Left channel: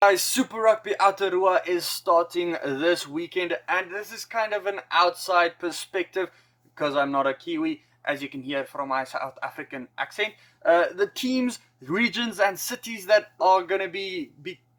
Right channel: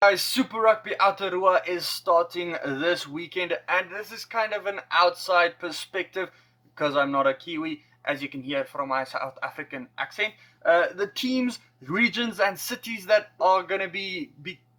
Guys, Super Rugby Aotearoa is starting this weekend, and this is kind of an outside perspective because I'm not a Kiwi, as you can hear from my South African accent. The teams, regions, and cities that are going to be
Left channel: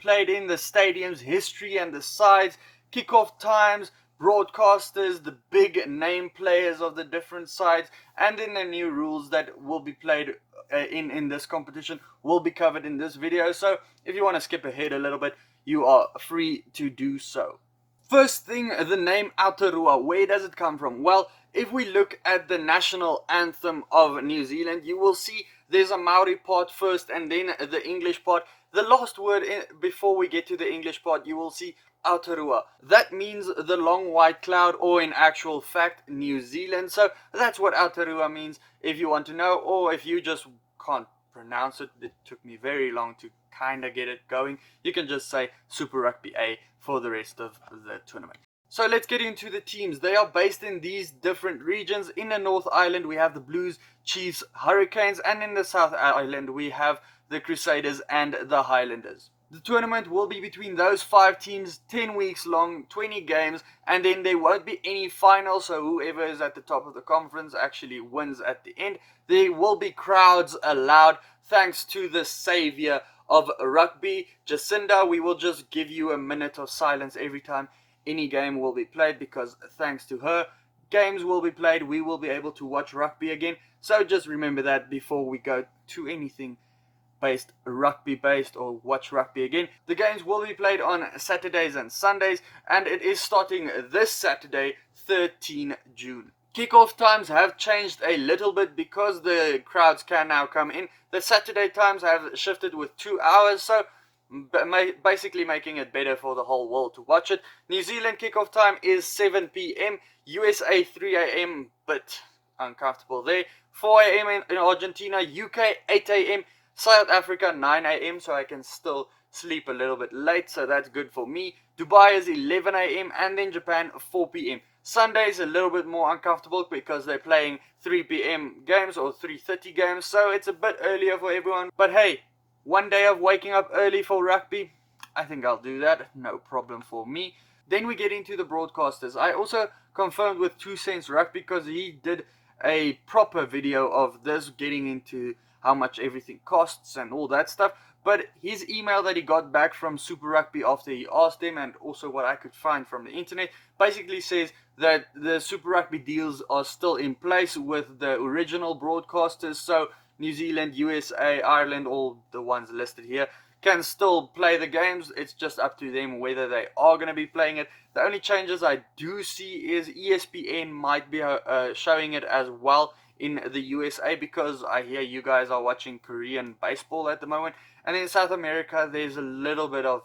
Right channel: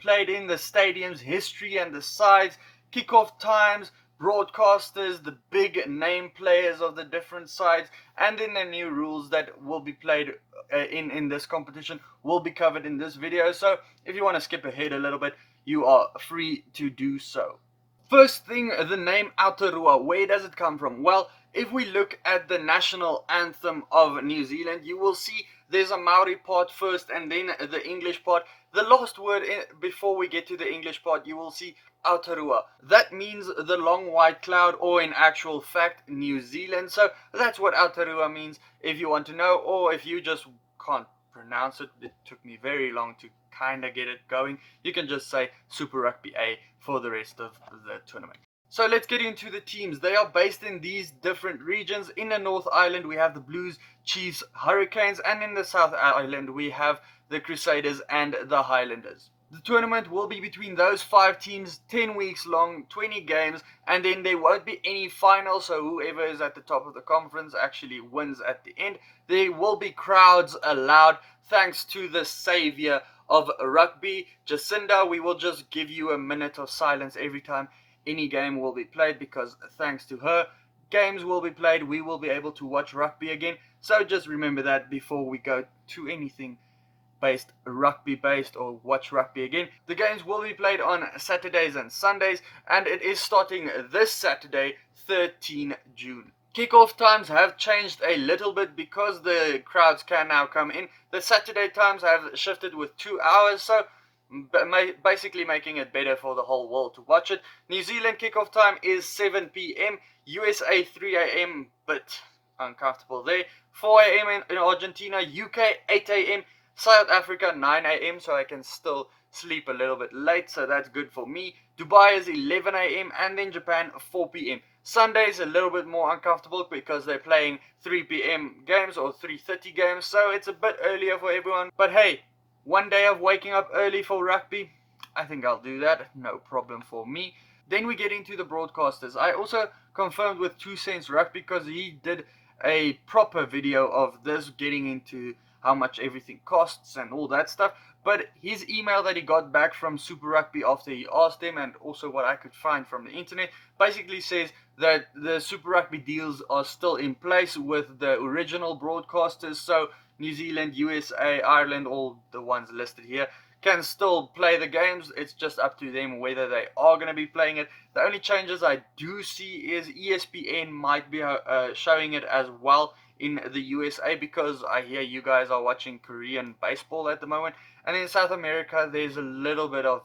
played in the stadiums, history and the sides, kickoff times, broadcasters, the big name players of the different sides, and then the new rules that will be played in this competition will be covered in this video. So if you want to skip ahead a little bit, you are free to do so. First thing, the name Aotearoa, where does it come from? Well, if we look at the national anthem of New Zealand, you will see there's a Maori part first and then the English part. The last word before we get to the English part, you will see Aotearoa. That means the long white cloud, or in actual fact, New Zealand. So that's what Aotearoa means, if you want to know, or if you just can't pronounce it. It took me very long to kind of get it going. You can just say Super Rugby A for the rest of the tournament. So let's get into the teams. They are based in these different regions. In the North Island, we have the Blues, Chiefs, Hurricanes, and in the South Island, we have the Crusaders and the Highlanders. The tournament will be between those 5 teams, 10 weeks long, 20 games, and then there won't be any finals, so whoever is at the top of the conference actually wins at the end. There will be crowds allowed, thanks to the savior of rugby, Jacinda. We will just give you a minute of silence every time any game will be played, because thanks to her, games will be played. We will be able to watch rugby again. So just remember that before we go to anything rugby based or watch rugby again. The games will be played on Saturdays and Sundays, and it is starting this Saturday, 13 June. Kickoff times have changed a little bit because the crowds can now come in. The Saturday times have shifted with 2 hours, so basically making it better for the whole world to watch it. New Zealand kickoff time is 7 p.m, USA 3 a.m, but uncomfortable there. 4 a.m in Argentina, UK 8 a.m, South Africa 9 a.m, so I can still sleep a little bit late, so that's good for me. Dubai is 11 a.m, and then Japan 4 p.m. Sunday is a little bit more uncomfortable because they're playing 3 p.m. games or 3:30 games, so it's a bit earlier for everyone. But hey, one day of waking up early for rugby, I think I'll do that, no problem for me. Then we get into the broadcasters. I also confirmed with 2 Cents Rugby because he did a proper video of this, getting into how much everything costs and all that stuff. But his email that he got back from Super Rugby after he asked them, and also what I could find from the internet, basically says that the Super Rugby deals are still in place with the original broadcasters. So New Zealand, USA, Ireland, all the ones listed here, can still play the games. It's just up to them whether they are going to be playing it. The only changes I do see is ESPN might be showing it as well in the USA, because I hear you guys are watching Korean baseball at the moment. And in South America, there's a little bit of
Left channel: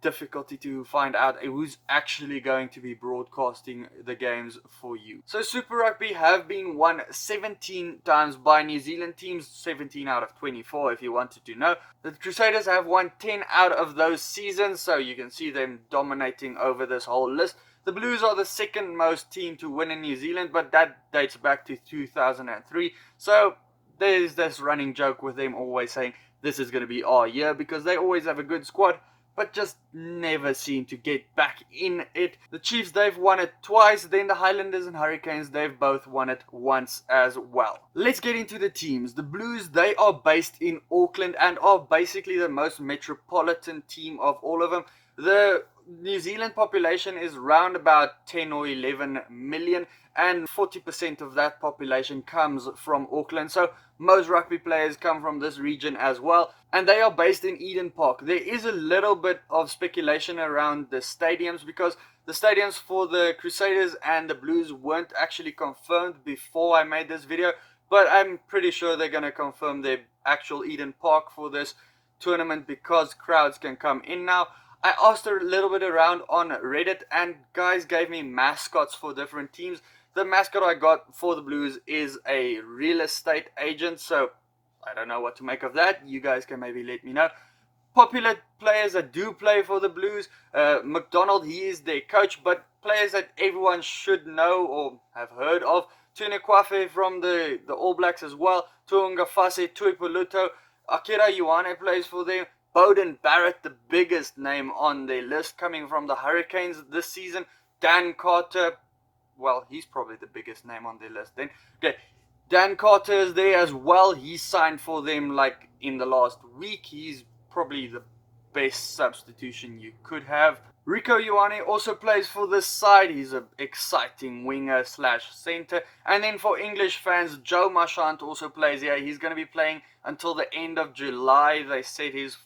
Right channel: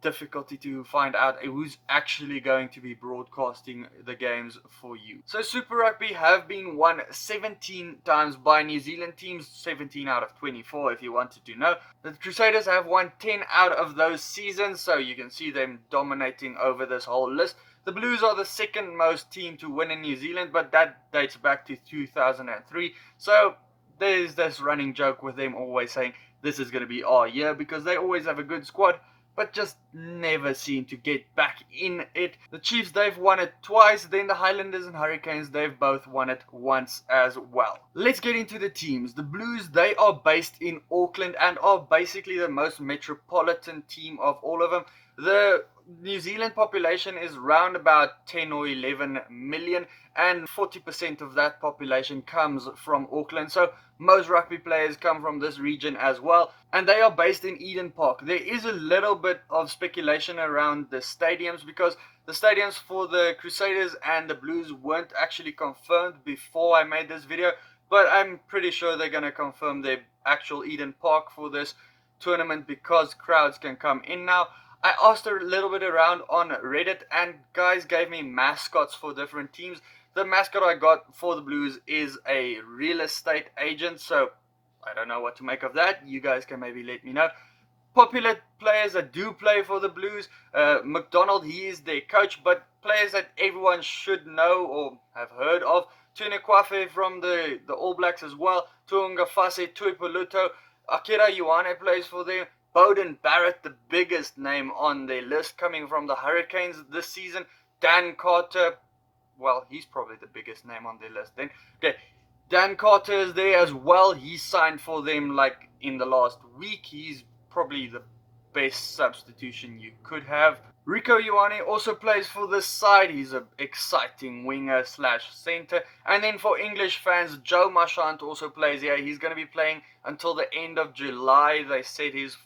difficulty to find out who's actually going to be broadcasting the games for you. So Super Rugby have been won 17 times by New Zealand teams, 17 out of 24 if you wanted to know. The Crusaders have won 10 out of those seasons, so you can see them dominating over this whole list. The Blues are the second most team to win in New Zealand, but that dates back to 2003. So there's this running joke with them always saying this is going to be our year, because they always have a good squad, but just never seem to get back in it. The Chiefs, they've won it twice. Then the Highlanders and Hurricanes, they've both won it once as well. Let's get into the teams. The Blues, they are based in Auckland and are basically the most metropolitan team of all of them. The New Zealand population is around about 10 or 11 million, and 40% of that population comes from Auckland. So most rugby players come from this region as well, and they are based in Eden Park. There is a little bit of speculation around the stadiums, because the stadiums for the Crusaders and the Blues weren't actually confirmed before I made this video, but I'm pretty sure they're going to confirm their actual Eden Park for this tournament, because crowds can come in now. I asked a little bit around on Reddit, and guys gave me mascots for different teams. The mascot I got for the Blues is a real estate agent, so I don't know what to make of that. You guys can maybe let me know. Popular players that do play for the Blues, McDonald, he is their coach, but players that everyone should know or have heard of, Tune Kwafe from the All Blacks as well, Tuanga Fase, Tuipuloto, Akira Ioane plays for them, Beauden Barrett, the biggest name on their list, coming from the Hurricanes this season. Dan Carter, well, he's probably the biggest name on their list then. Okay, Dan Carter is there as well. He signed for them like in the last week. He's probably the best substitution you could have. Rico Ioane also plays for this side. He's an exciting winger slash centre. And then for English fans, Joe Marchant also plays here. He's going to be playing until the end of July. They said his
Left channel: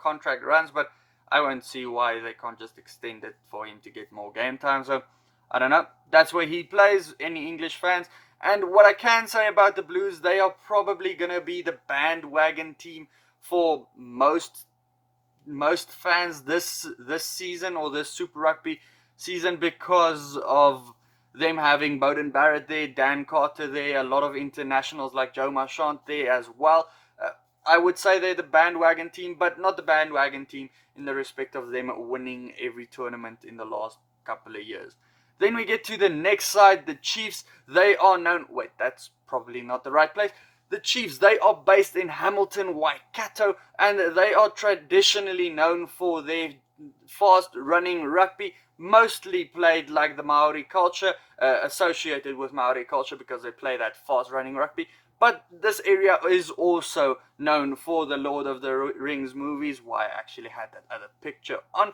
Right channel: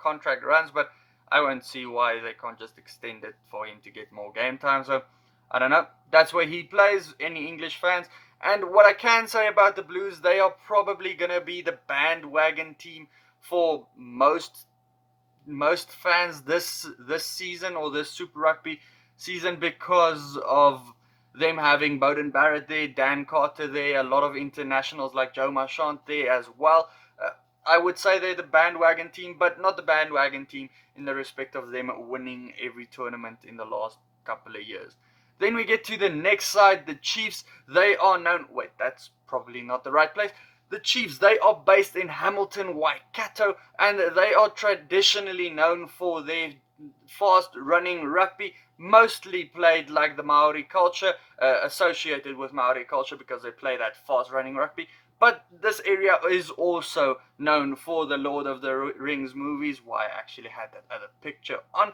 contract runs, but I won't see why they can't just extend it for him to get more game time. So I don't know. That's where he plays. Any English fans? And what I can say about the Blues, they are probably going to be the bandwagon team for most fans this season, or this Super Rugby season, because of them having Beauden Barrett there, Dan Carter there, a lot of internationals like Joe Marchant there as well. I would say they're the bandwagon team, but not the bandwagon team in the respect of them winning every tournament in the last couple of years. Then we get to the next side, the Chiefs. They are known... Wait, that's probably not the right place. The Chiefs, they are based in Hamilton, Waikato, and they are traditionally known for their fast-running rugby, mostly played like the Maori culture, associated with Maori culture because they play that fast-running rugby. But this area is also known for the Lord of the Rings movies. Why I actually had that other picture on.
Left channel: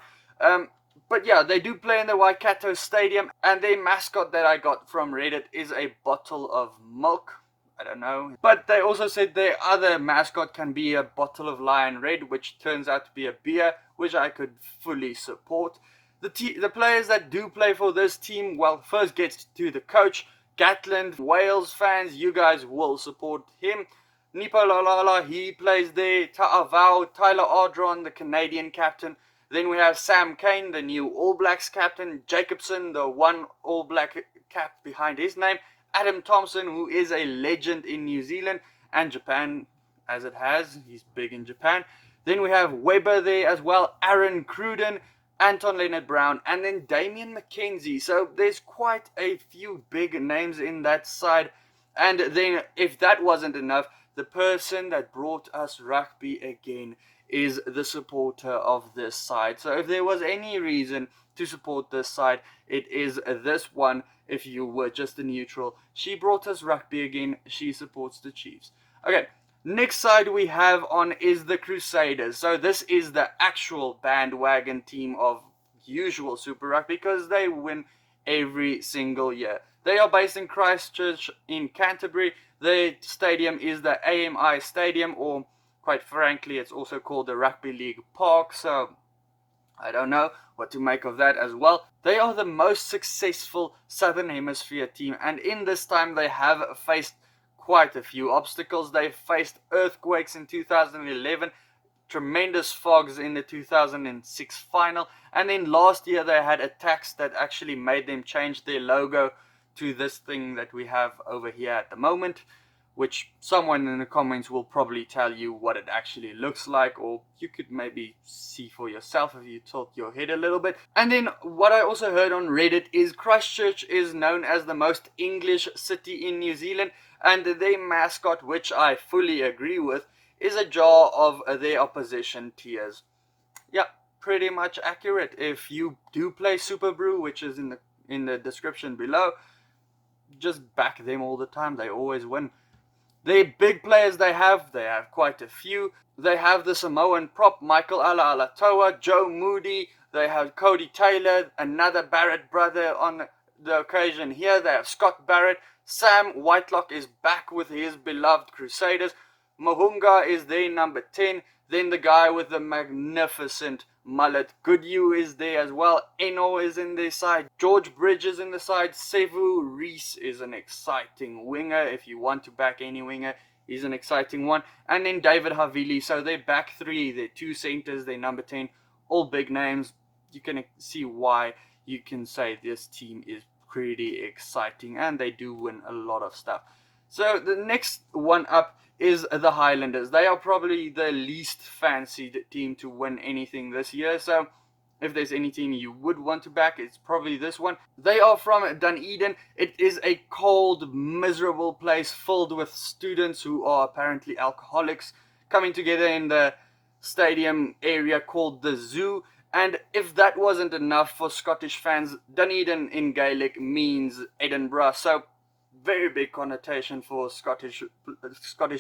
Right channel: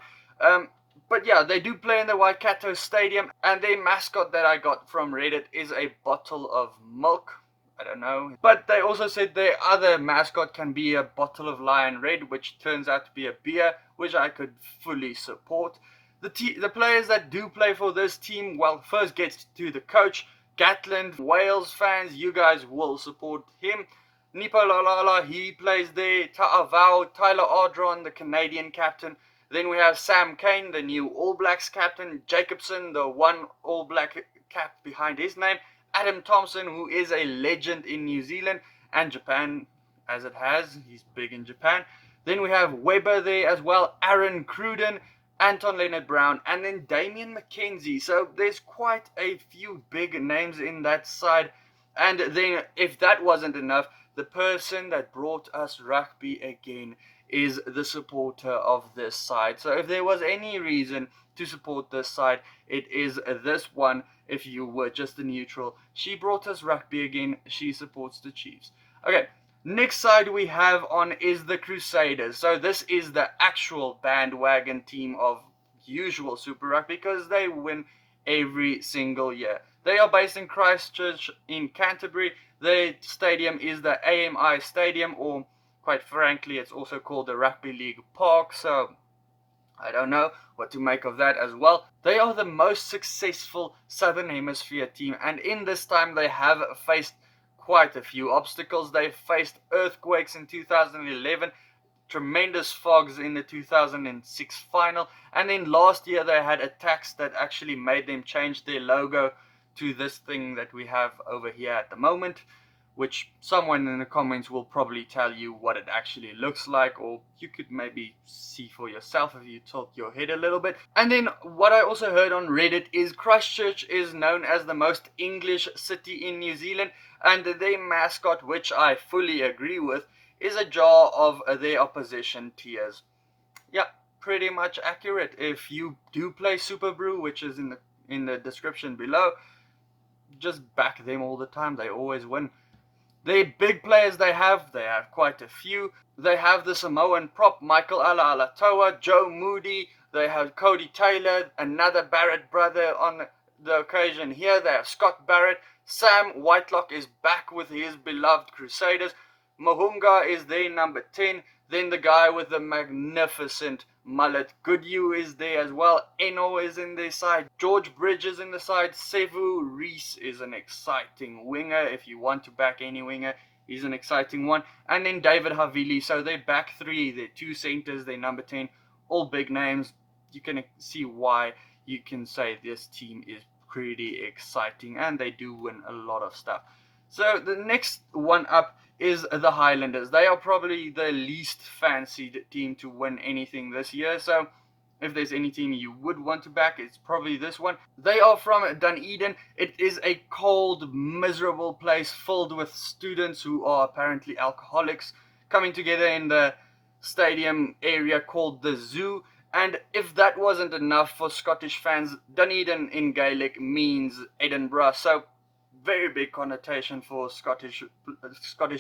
But yeah, they do play in the Waikato Stadium, and their mascot that I got from Reddit is a bottle of milk. I don't know. But they also said their other mascot can be a bottle of Lion Red, which turns out to be a beer, which I could fully support. The players that do play for this team, well, first gets to the coach, Gatland. Wales fans, you guys will support him. Nipo Lalala, he plays there. Ta'avao, Tyler Ardron, the Canadian captain. Then we have Sam Cane, the new All Blacks captain. Jacobson, the one All Black cap behind his name. Adam Thompson, who is a legend in New Zealand and Japan, as it has. He's big in Japan. Then we have Weber there as well. Aaron Cruden, Anton Leonard-Brown, and then Damien McKenzie. So there's quite a few big names in that side. And then, if that wasn't enough, the person that brought us rugby again is the supporter of this side. So if there was any reason to support this side, it is this one. If you were just a neutral, she brought us rugby again. She supports the Chiefs. Okay, next side we have on is the Crusaders. So this is the actual bandwagon team of usual Super Rugby because they win every single year. They are based in Christchurch in Canterbury. Their stadium is the AMI Stadium, or quite frankly, it's also called the Rugby League Park. So I don't know what to make of that as well. They are the most successful Southern Hemisphere team, and in this time they have faced quite a few obstacles. They faced earthquakes in 2011, tremendous fogs in the 2006 final, and then last year they had attacks that actually made them change their logo to this thing that we have over here at the moment, which someone in the comments will probably tell you what it actually looks like, or you could maybe see for yourself if you tilt your head a little bit. And then what I also heard on Reddit is Christchurch is known as the most English city in New Zealand, and their mascot, which I fully agree with, is a jar of their opposition tears. Yeah, pretty much accurate. If you do play SuperBru, which is in the description below, just back them all the time. They always win. The big players they have quite a few. They have the Samoan prop, Michael Ala'alatoa, Joe Moody. They have Cody Taylor, another Barrett brother on the occasion here. They have Scott Barrett. Sam Whitelock is back with his beloved Crusaders. Mahunga is their number 10. Then the guy with the magnificent mullet, Goodhue, is there as well. Eno is in their side. George Bridge is in the side. Sevu Reese is an exciting winger. If you want to back any winger, he's an exciting one. And then David Havili. So they're back three. They're two centers. They're number 10. All big names. You can see why you can say this team is pretty exciting. And they do win a lot of stuff. So the next one up is the Highlanders. They are probably the least fancied team to win anything this year. So if there's any team you would want to back, it's probably this one. They are from Dunedin. It is a cold, miserable place filled with students who are apparently alcoholics coming together in the stadium area called the Zoo. And if that wasn't enough for Scottish fans, Dunedin in Gaelic means Edinburgh, so very big connotation for Scottish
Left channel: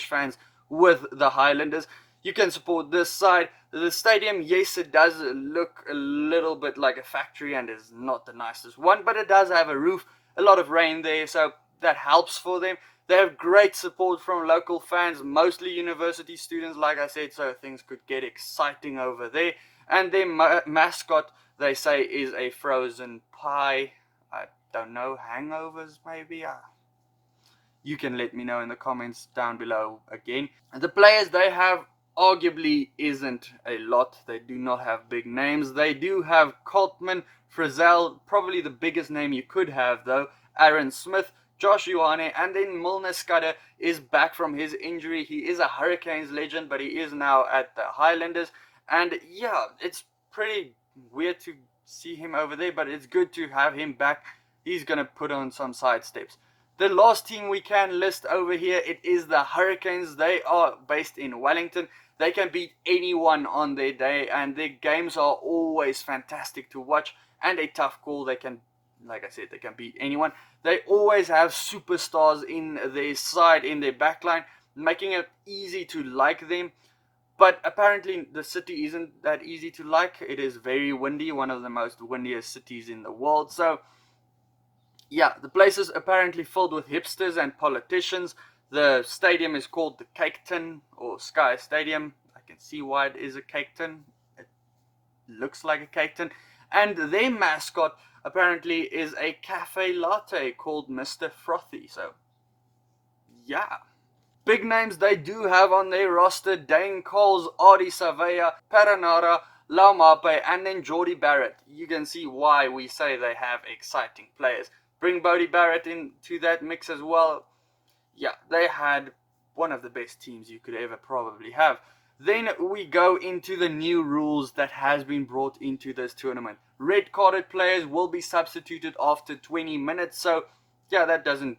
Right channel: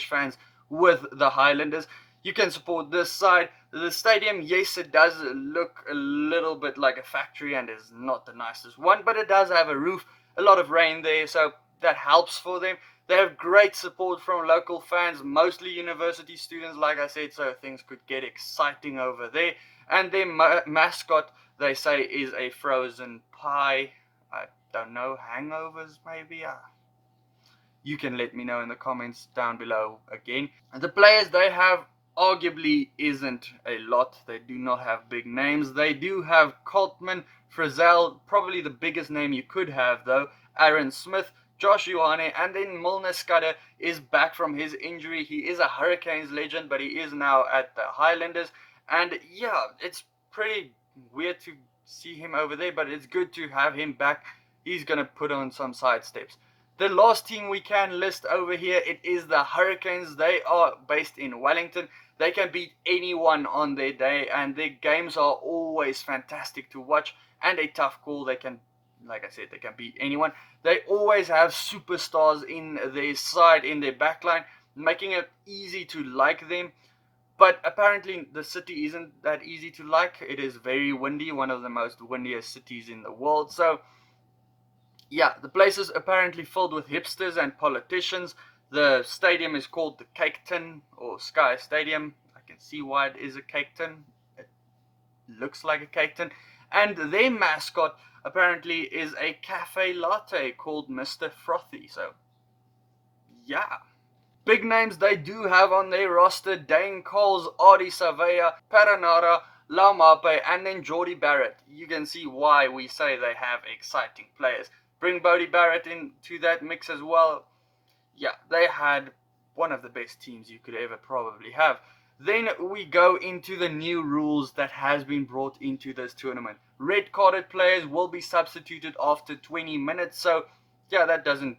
fans with the Highlanders. You can support this side. The stadium, yes, it does look a little bit like a factory and is not the nicest one, but it does have a roof, a lot of rain there, so that helps for them. They have great support from local fans, mostly university students, like I said, so things could get exciting over there. And their mascot, they say, is a frozen pie. I don't know, hangovers maybe? You can let me know in the comments down below again. And the players they have arguably isn't a lot. They do not have big names. They do have Coltman, Frizzell, probably the biggest name you could have though, Aaron Smith, Josh Ioane, and then Milner Scudder is back from his injury. He is a Hurricanes legend, but he is now at the Highlanders. And yeah, it's pretty weird to see him over there, but it's good to have him back. He's going to put on some side steps. The last team we can list over here, it is the Hurricanes. They are based in Wellington. They can beat anyone on their day, and their games are always fantastic to watch and a tough call. They can, like I said, they can beat anyone. They always have superstars in their side, in their backline, making it easy to like them. But apparently the city isn't that easy to like. It is very windy, one of the most windiest cities in the world. So yeah, the place is apparently filled with hipsters and politicians. The stadium is called the Cake Tin, or Sky Stadium. I can see why it is a cake tin. It looks like a cake tin. And their mascot apparently is a cafe latte called Mr. Frothy. So yeah. Big names they do have on their roster: Dane Coles, Ardie Savea, Paranara, Laumape, and then Jordie Barrett. You can see why we say they have exciting players. Bring Bodie Barrett into that mix as well. Yeah, they had one of the best teams you could ever probably have. Then we go into the new rules that has been brought into this tournament. Red carded players will be substituted after 20 minutes. So yeah, that doesn't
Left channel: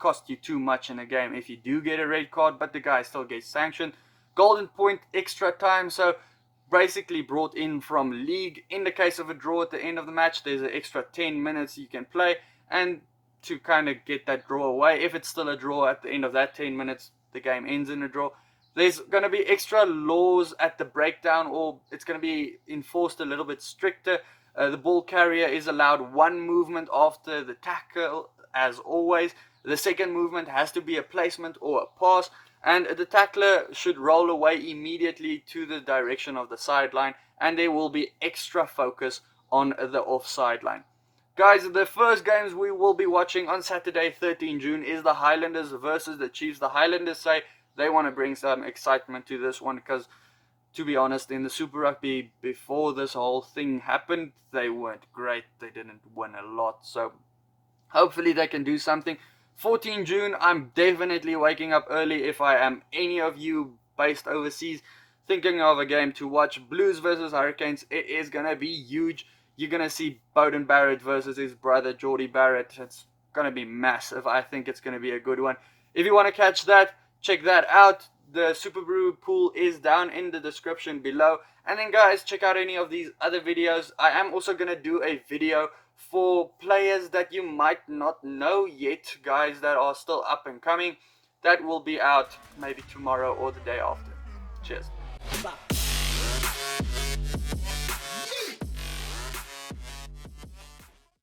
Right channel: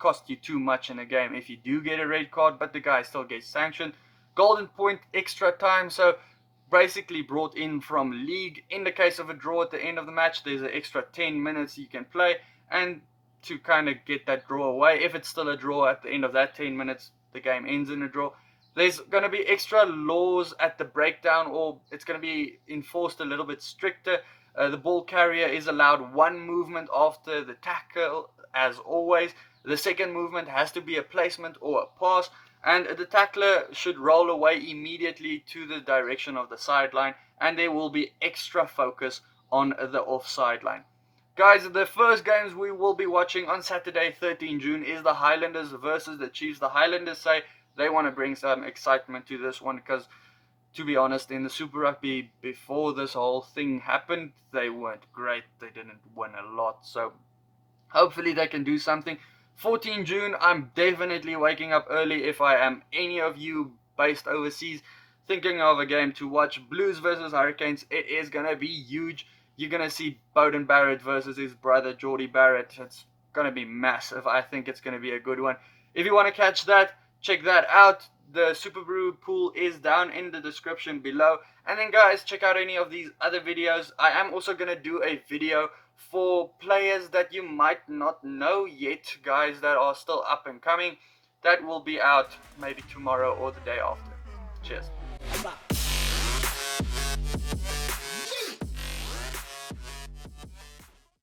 cost you too much in a game if you do get a red card, but the guy still gets sanctioned. Golden point extra time, so basically brought in from league. In the case of a draw at the end of the match, there's an extra 10 minutes you can play, and to kind of get that draw away, if it's still a draw at the end of that 10 minutes, the game ends in a draw. There's going to be extra laws at the breakdown, or it's going to be enforced a little bit stricter. The ball carrier is allowed one movement after the tackle, as always. The second movement has to be a placement or a pass, and the tackler should roll away immediately to the direction of the sideline, and there will be extra focus on the offside line. Guys, the first games we will be watching on Saturday, 13 June, is the Highlanders versus the Chiefs. The Highlanders say they want to bring some excitement to this one because, to be honest, in the Super Rugby before this whole thing happened, they weren't great. They didn't win a lot, so hopefully they can do something. 14 June, I'm definitely waking up early if I am any of you based overseas thinking of a game to watch. Blues versus Hurricanes, it is going to be huge. You're going to see Beauden Barrett versus his brother Jordie Barrett. It's going to be massive. I think it's going to be a good one. If you want to catch that, check that out. The SkinnyBru pool is down in the description below. And then guys, check out any of these other videos. I am also going to do a video for players that you might not know yet, guys that are still up and coming. That will be out maybe tomorrow or the day after. Cheers.